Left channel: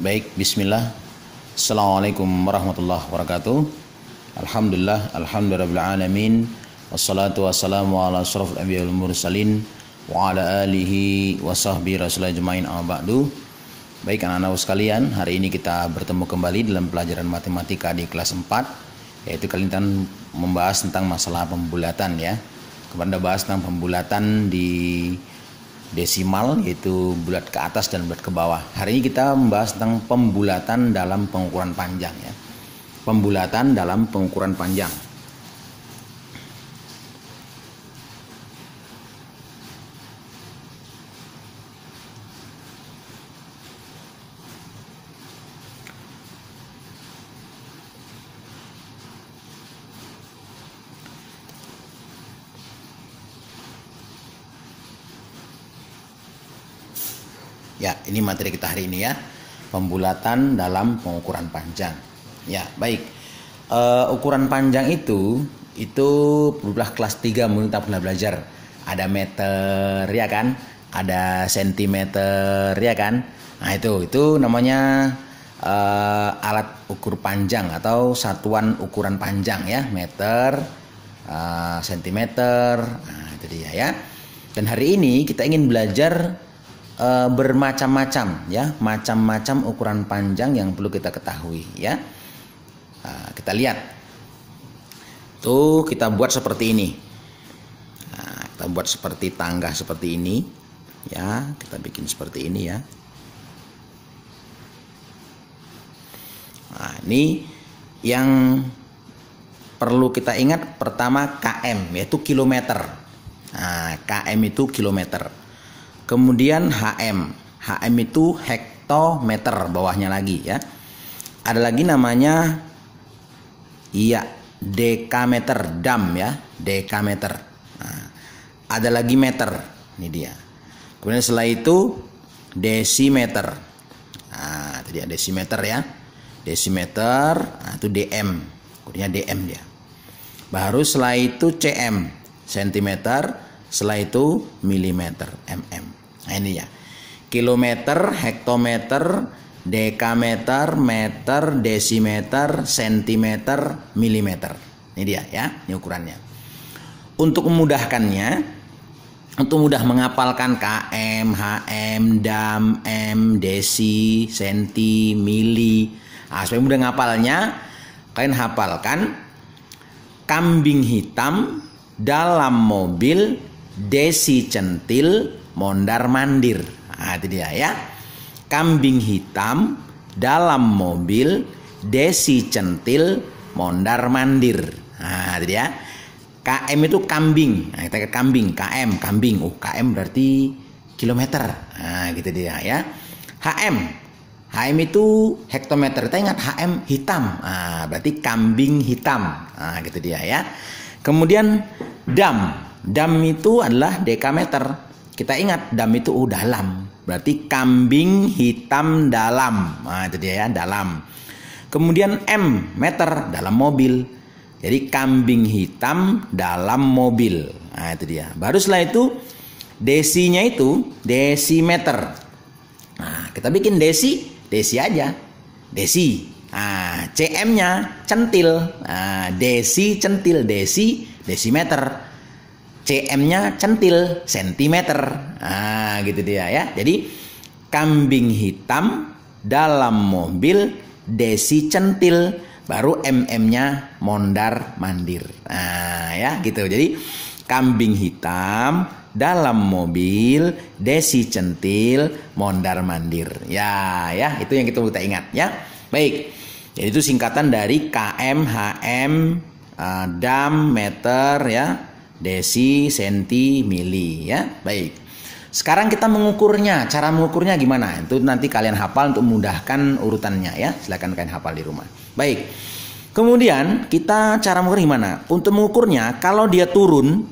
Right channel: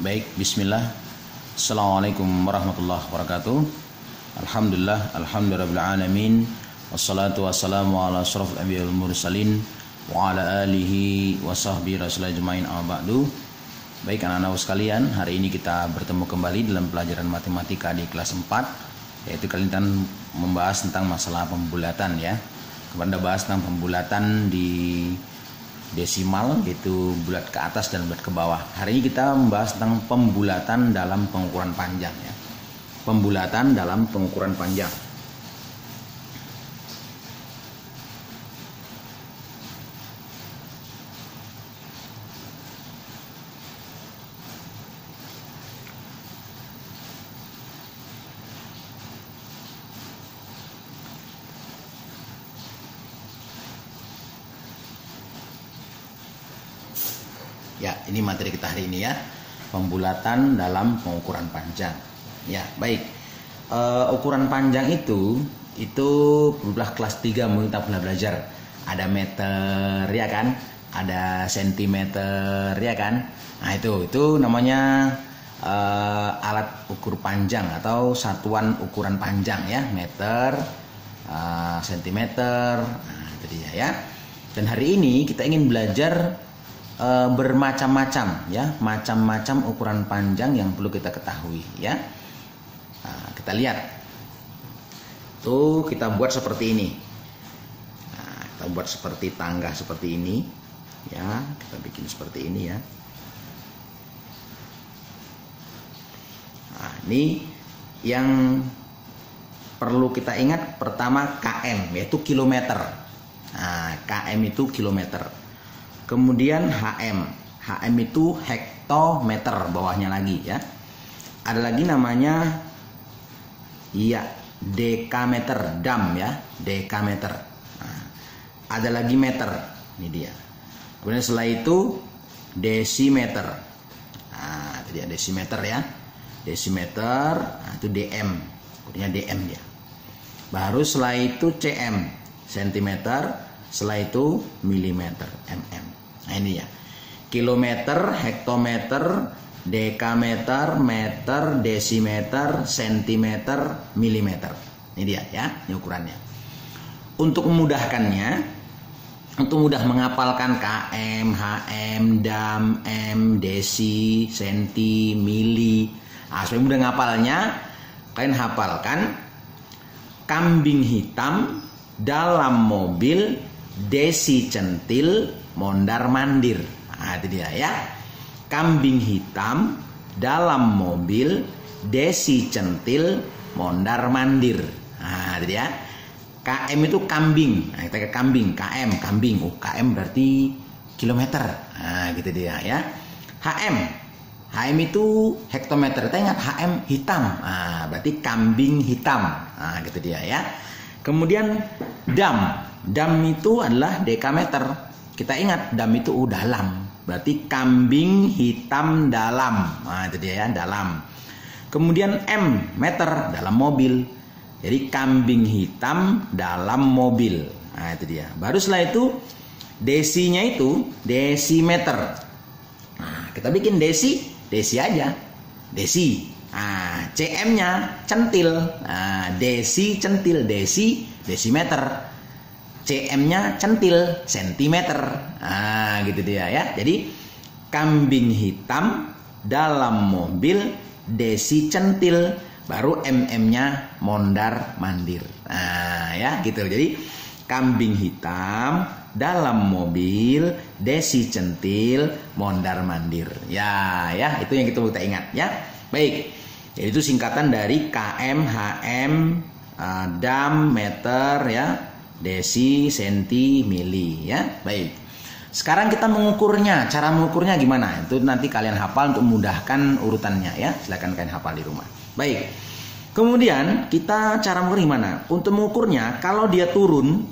Baik, bismillah. Assalamualaikum warahmatullahi wabarakatuh. Alhamdulillahirabbil wassalatu wassalamu ala asyrafil anbiya'i wal mursalin wa ala alihi wa sahbihi rasulillah ajmain amma ba'du. Baik anak-anak sekalian, hari ini kita bertemu kembali dalam pelajaran matematika di kelas 4, yaitu kali ini membahas tentang masalah pembulatan ya. Kita bahas tentang pembulatan di desimal, yaitu bulat ke atas dan bulat ke bawah. Hari ini kita membahas tentang pembulatan dalam pengukuran panjang ya. Pembulatan dalam pengukuran panjang. Ya, ini materi kita hari ini ya, pembulatan dalam pengukuran panjang. Ya, baik. Ukuran panjang itu berulah kelas 3 menurut kita belajar. Ada meter ya kan, ada sentimeter ya kan. Nah itu namanya alat ukur panjang atau satuan ukuran panjang ya, meter, sentimeter. Nah itu dia ya. Dan hari ini kita ingin belajar bermacam-macam ya, macam-macam ukuran panjang yang perlu kita ketahui ya. Nah, kita lihat tuh, kita buat seperti ini. Nah, kita buat seperti tangga seperti ini ya, kita bikin seperti ini ya. Nah, ini yang perlu kita ingat pertama km, yaitu kilometer. Nah, km itu kilometer. Kemudian HM itu hektometer, bawahnya lagi ya. Ada lagi namanya dekameter, dam ya, dekameter. Nah, ada lagi meter, ini dia. Kemudian setelah itu desimeter. Nah, itu dia desimeter ya. Desimeter, nah, itu DM. Kemudian DM dia. Baru setelah itu cm, sentimeter. Setelah itu milimeter, mm. Nah ini ya, kilometer, hektometer, dekameter, meter, desimeter, sentimeter, milimeter. Ini dia ya, ini ukurannya. Untuk memudahkannya, untuk mudah menghafalkan km, hm, dam, m, desi, senti, mili. Nah, supaya mudah menghafalnya, kalian hafalkan kambing hitam dalam mobil, desi centil, mondar mandir. Nah, itu dia ya. Kambing hitam dalam mobil, desi centil, mondar mandir. Nah, itu dia. KM itu kambing. Nah, kita ke kambing, KM, kambing. Oh, KM berarti kilometer. Nah, gitu dia ya. HM itu hektometer. Kita ingat HM hitam. Nah, berarti kambing hitam. Nah, gitu dia ya. Kemudian dam itu adalah dekameter. Kita ingat dam itu dalam, berarti kambing hitam dalam. Nah itu dia ya, dalam. Kemudian M, meter, dalam mobil. Jadi kambing hitam dalam mobil. Nah itu dia. Baru setelah itu desinya itu desimeter. Nah kita bikin desi aja, desi. Nah cm-nya centil. Nah desi centil, desimeter. cm-nya centil, sentimeter. Nah, gitu dia ya. Jadi kambing hitam dalam mobil, desi centil, baru mm-nya mondar mandir. Nah, ya gitu. Jadi kambing hitam dalam mobil, desi centil, mondar mandir. Ya, itu yang kita ingat ya. Baik. Jadi itu singkatan dari km, hm, dam, meter ya. Desi, senti, mili ya. Baik. Sekarang kita mengukurnya. Cara mengukurnya gimana? Itu nanti kalian hafal untuk memudahkan urutannya ya. Silakan kalian hafal di rumah. Baik. Kemudian kita cara mengukur gimana? Untuk mengukurnya kalau dia turun.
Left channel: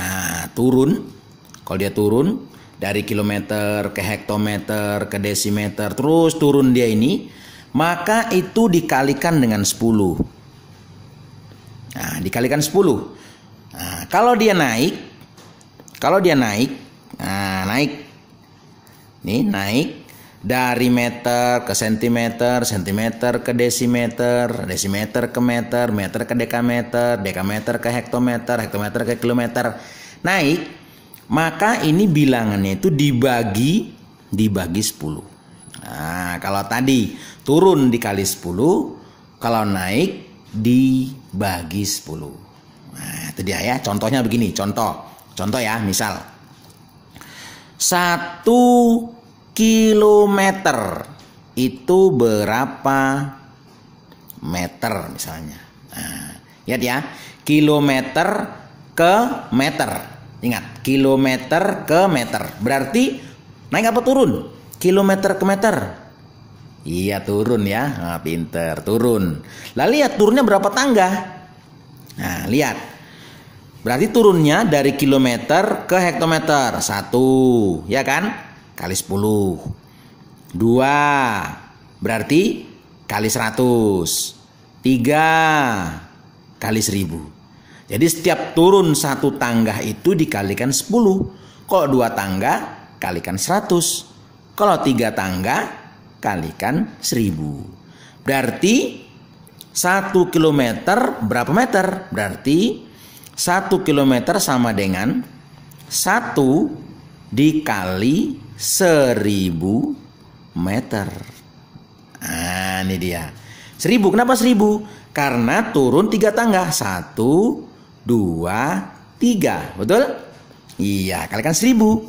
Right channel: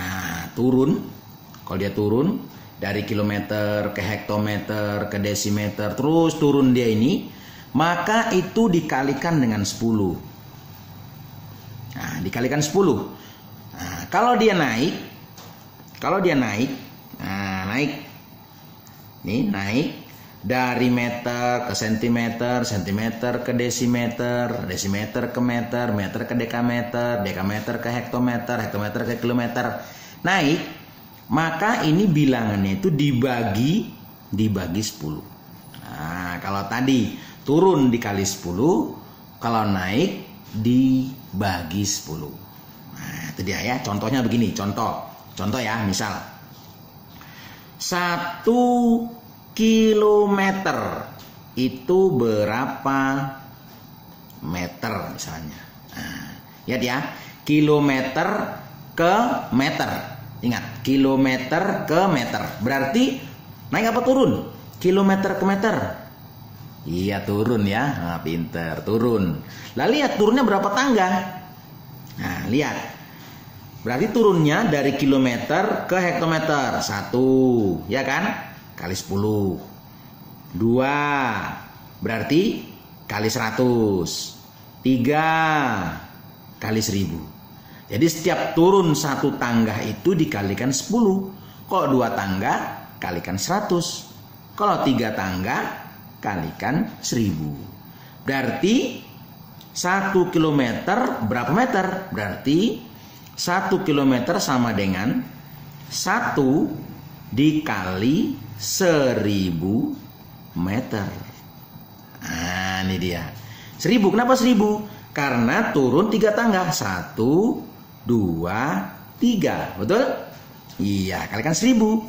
Nah, kalau dia turun dari kilometer ke hektometer ke desimeter, terus turun dia ini, maka itu dikalikan dengan 10. Nah, dikalikan 10. Nah, kalau dia naik, nah, naik. Nih, naik dari meter ke sentimeter, sentimeter ke desimeter, desimeter ke meter, meter ke dekameter, dekameter ke hektometer, hektometer ke kilometer, naik, maka ini bilangannya itu dibagi 10. Nah, kalau tadi turun dikali 10, kalau naik dibagi 10. Nah, itu dia ya, contohnya begini, contoh ya, misal 1 kilometer itu berapa meter misalnya. Nah, lihat ya, kilometer ke meter. Ingat, kilometer ke meter. Berarti naik apa turun? Kilometer ke meter. Iya, turun ya. Nah, pinter, turun. Lah lihat turunnya berapa tangga? Nah, lihat. Berarti turunnya dari kilometer ke hektometer. 1, ya kan? Kali 10. 2 berarti kali 100. 3 kali 1000. Jadi setiap turun 1 tangga itu dikalikan 10. Kalau 2 tangga kalikan 100. Kalau 3 tangga kalikan 1000. Berarti 1 kilometer berapa meter? Berarti 1 kilometer sama dengan 1 dikali 1000 meter. Nah, ini dia. 1000, kenapa 1000? Karena turun 3 tangga. 1, 2, 3. Betul? Iya, kalikan 1000.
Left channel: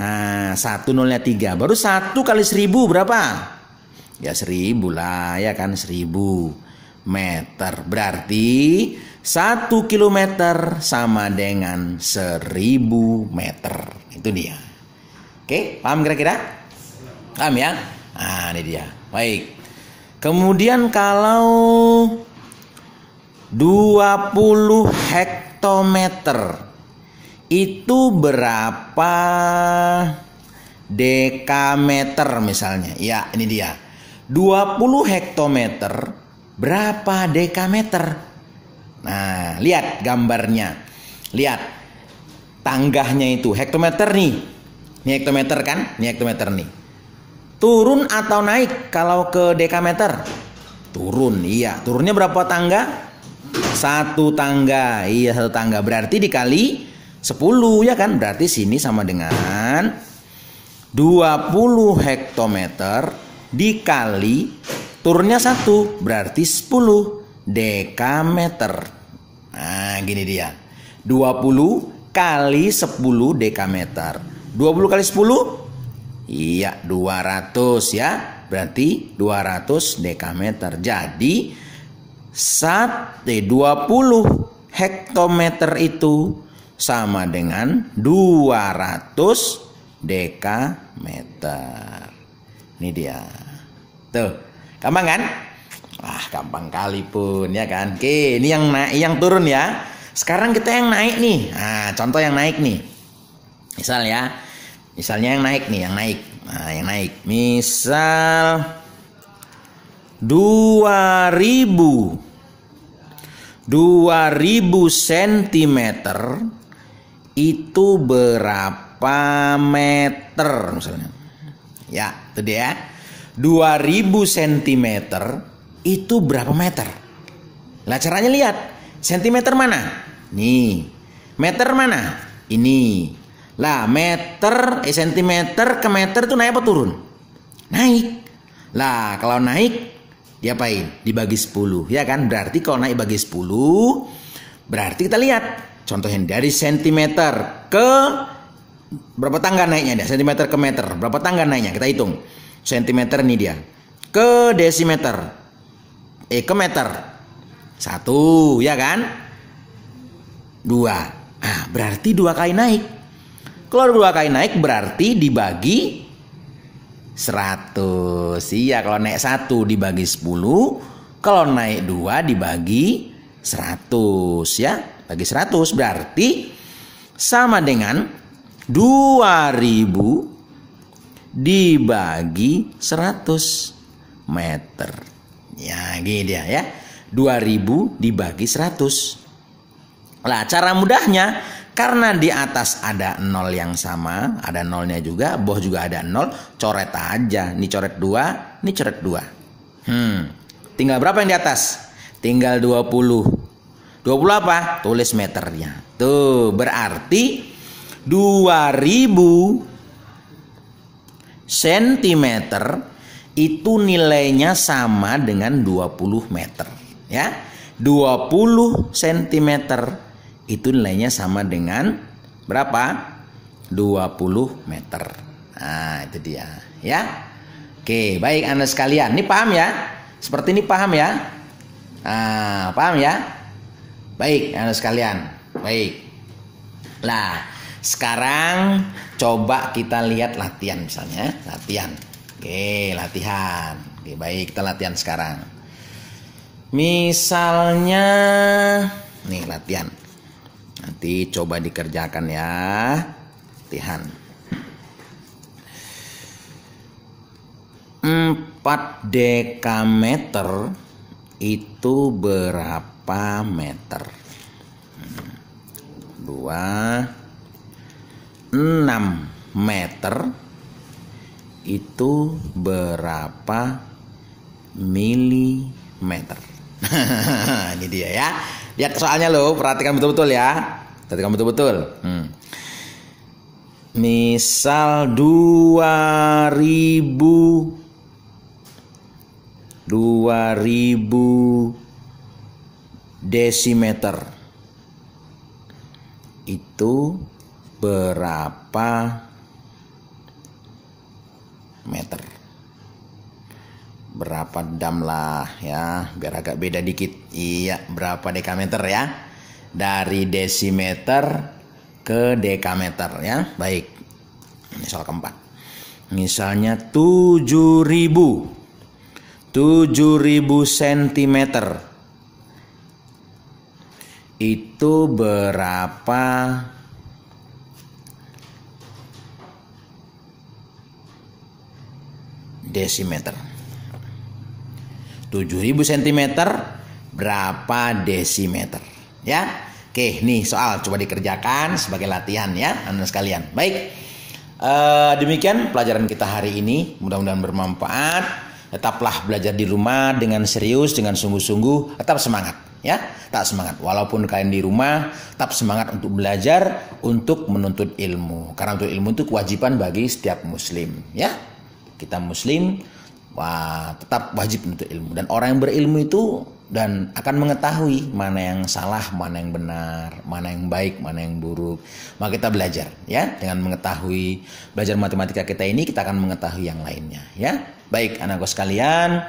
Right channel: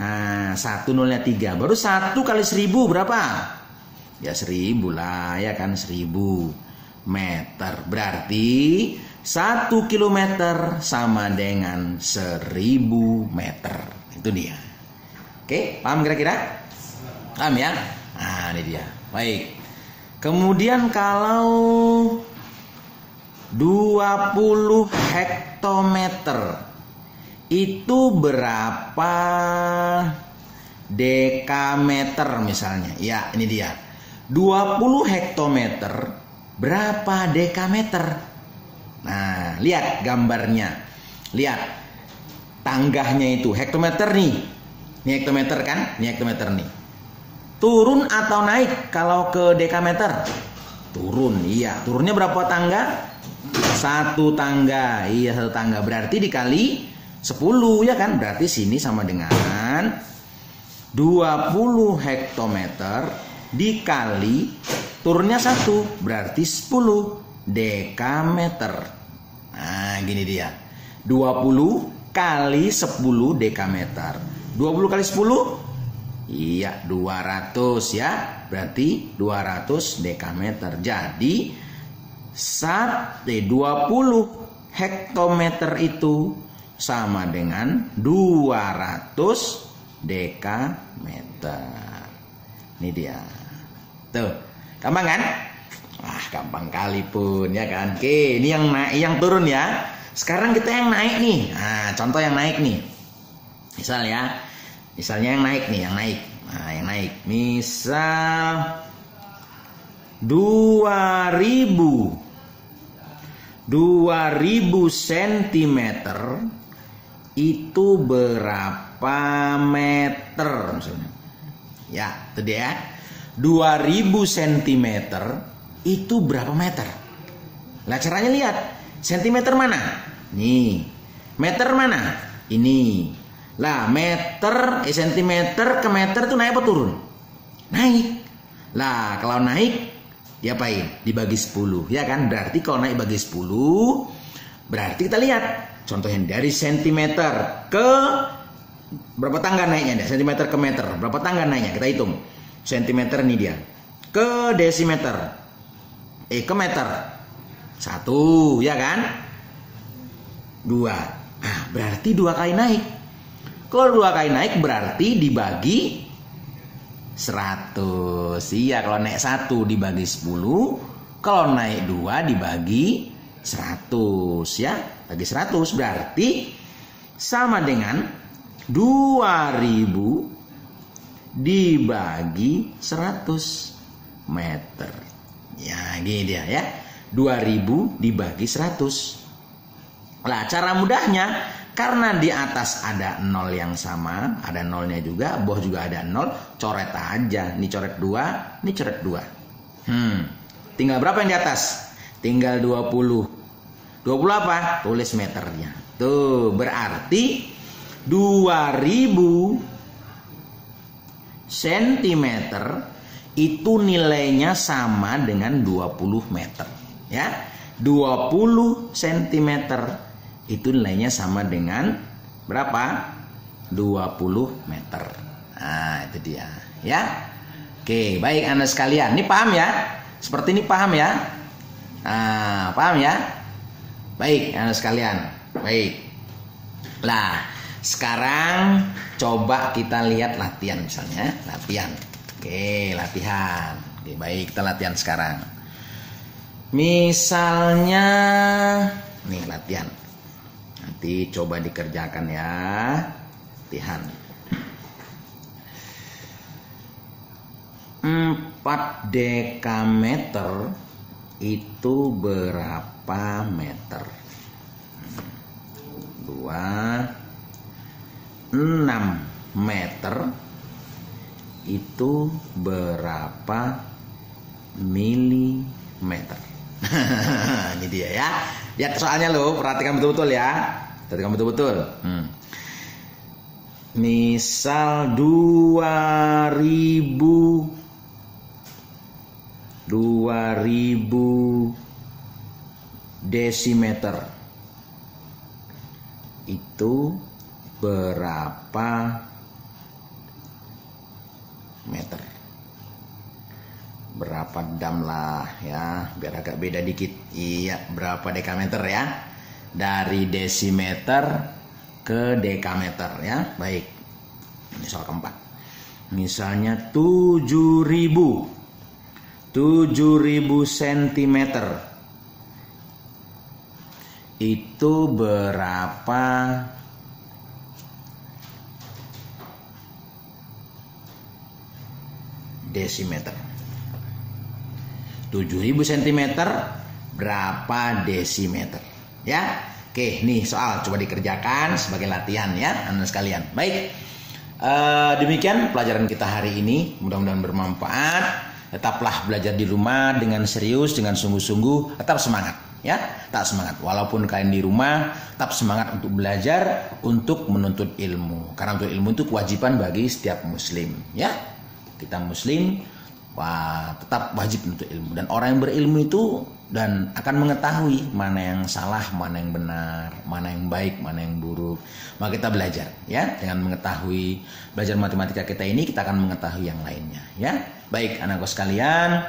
Nah, 1 nolnya 3. Baru 1 kali 1000 berapa? Ya 1000 lah, ya kan, 1000 meter. Berarti 1 kilometer sama dengan 1000 meter. Itu dia. Oke, paham kira-kira? Paham ya? Nah, ini dia. Baik. Kemudian kalau 20 hektometer itu berapa dekameter misalnya? Ya, ini dia. 20 hektometer berapa dekameter? Nah, lihat gambarnya. Lihat tangganya itu hektometer nih. Ini hektometer kan? Ini hektometer nih. Turun atau naik kalau ke dekameter? Turun, iya. Turunnya berapa tangga? 1 tangga. Iya, 1 tangga. Berarti dikali 10, ya kan? Berarti sini sama dengan 20 hektometer dikali turunnya 1. Berarti 10 dekameter. Nah, gini dia. 20 kali 10 dekameter. 20 kali 10? Iya, 200 ya. Berarti 200 dekameter. Jadi 20 hektometer itu sama dengan 200 dekameter. Ini dia. Tuh, gampang kan? Wah, gampang kali pun ya kan. Oke, ini yang naik, yang turun ya. Sekarang kita yang naik nih. Nah, contoh yang naik nih. Misalnya yang naik nih, yang naik. Nah, yang naik. Misal 2000 cm itu berapa meter misalnya. Ya, itu dia. 2000 cm itu berapa meter? Lah caranya lihat. Sentimeter mana? Nih. Meter mana? Ini. Lah meter, sentimeter ke meter tuh naik apa turun? Naik. Lah kalau naik diapain? Dibagi 10, ya kan? Berarti kalau naik bagi 10, berarti kita lihat contohnya dari sentimeter ke berapa tangga naiknya dia? Sentimeter ke meter, berapa tangga naiknya? Kita hitung. Sentimeter nih dia. Ke desimeter. Ke meter. 1, ya kan? 2. Nah, berarti 2 kali naik. Kalau 2 kali naik berarti dibagi 100. Iya, kalau naik 1 dibagi 10, kalau naik 2 dibagi 100 ya. Bagi 100 berarti sama dengan 2000 dibagi 100 meter. Ya, gini dia ya. 2000 dibagi 100. Lah, cara mudahnya Karena di atas ada 0 yang sama, ada nolnya juga, bawah juga ada 0, coret aja. Ini coret 2, ini coret 2. Tinggal berapa yang di atas? Tinggal 20. 20 apa? Tulis meternya. Tuh, berarti 2000 cm itu nilainya sama dengan 20 meter. Ya, 20 cm itu nilainya sama dengan berapa? 20 meter. Nah, itu dia. Ya. Oke, baik Anda sekalian. Ini paham ya? Seperti ini paham ya? Nah, paham ya? Baik Anda sekalian. Baik. Nah, sekarang coba kita lihat latihan misalnya. Latihan. Oke, latihan. Oke, baik, kita latihan sekarang. Misalnya nih latihan. Nanti coba dikerjakan ya. Latihan. 4 dekameter itu berapa meter? 6 meter itu berapa milimeter? Ini dia ya. Lihat soalnya loh, perhatikan betul-betul ya. Perhatikan betul-betul. Misal 2000 desimeter itu berapa meter? Berapa dam lah ya, biar agak beda dikit. Iya, berapa dekameter ya? Dari desimeter ke dekameter ya. Baik. Misal keempat. Misalnya 7000 cm itu berapa desimeter? 7000 cm berapa desimeter? Ya. Oke, nih soal coba dikerjakan sebagai latihan ya, Anda sekalian. Baik. Demikian pelajaran kita hari ini, mudah-mudahan bermanfaat. Tetaplah belajar di rumah dengan serius, dengan sungguh-sungguh, tetap semangat ya, tetap semangat. Walaupun kalian di rumah, tetap semangat untuk belajar, untuk menuntut ilmu. Karena menuntut ilmu itu kewajiban bagi setiap muslim ya. Kita muslim, wah, tetap wajib menuntut ilmu. Dan orang yang berilmu itu dan akan mengetahui mana yang salah, mana yang benar, mana yang baik, mana yang buruk. Maka kita belajar ya, dengan mengetahui, belajar matematika kita ini kita akan mengetahui yang lainnya ya. Baik anakku sekalian,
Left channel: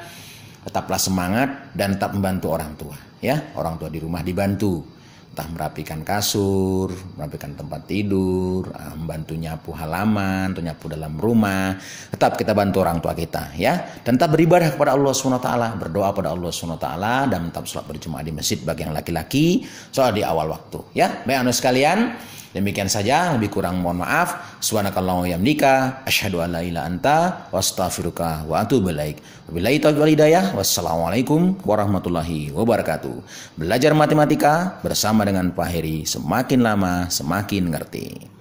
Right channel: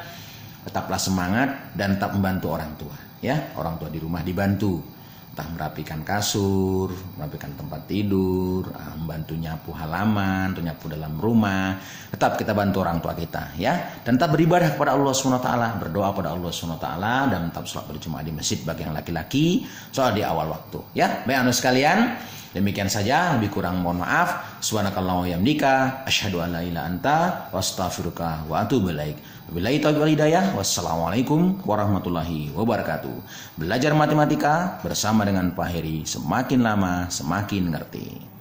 tetaplah semangat dan tetap membantu orang tua ya. Orang tua di rumah dibantu, entah merapikan kasur, merapikan tempat tidur, membantu nyapu halaman, atau nyapu dalam rumah. Tetap kita bantu orang tua kita ya. Dan tetap beribadah kepada Allah SWT, berdoa pada Allah SWT, dan tetap sholat berjamaah di masjid bagi yang laki-laki, sholat di awal waktu ya. Baik anak sekalian, demikian saja, lebih kurang mohon maaf. Subhanakallahumma wa bihamdika, asyhadu an la ilaha anta wa astaghfiruka wa atubu ilaik. Wabillahi taufiq wal hidayah. Wassalamualaikum warahmatullahi wabarakatuh. Belajar matematika bersama dengan Pak Heri, semakin lama semakin ngerti.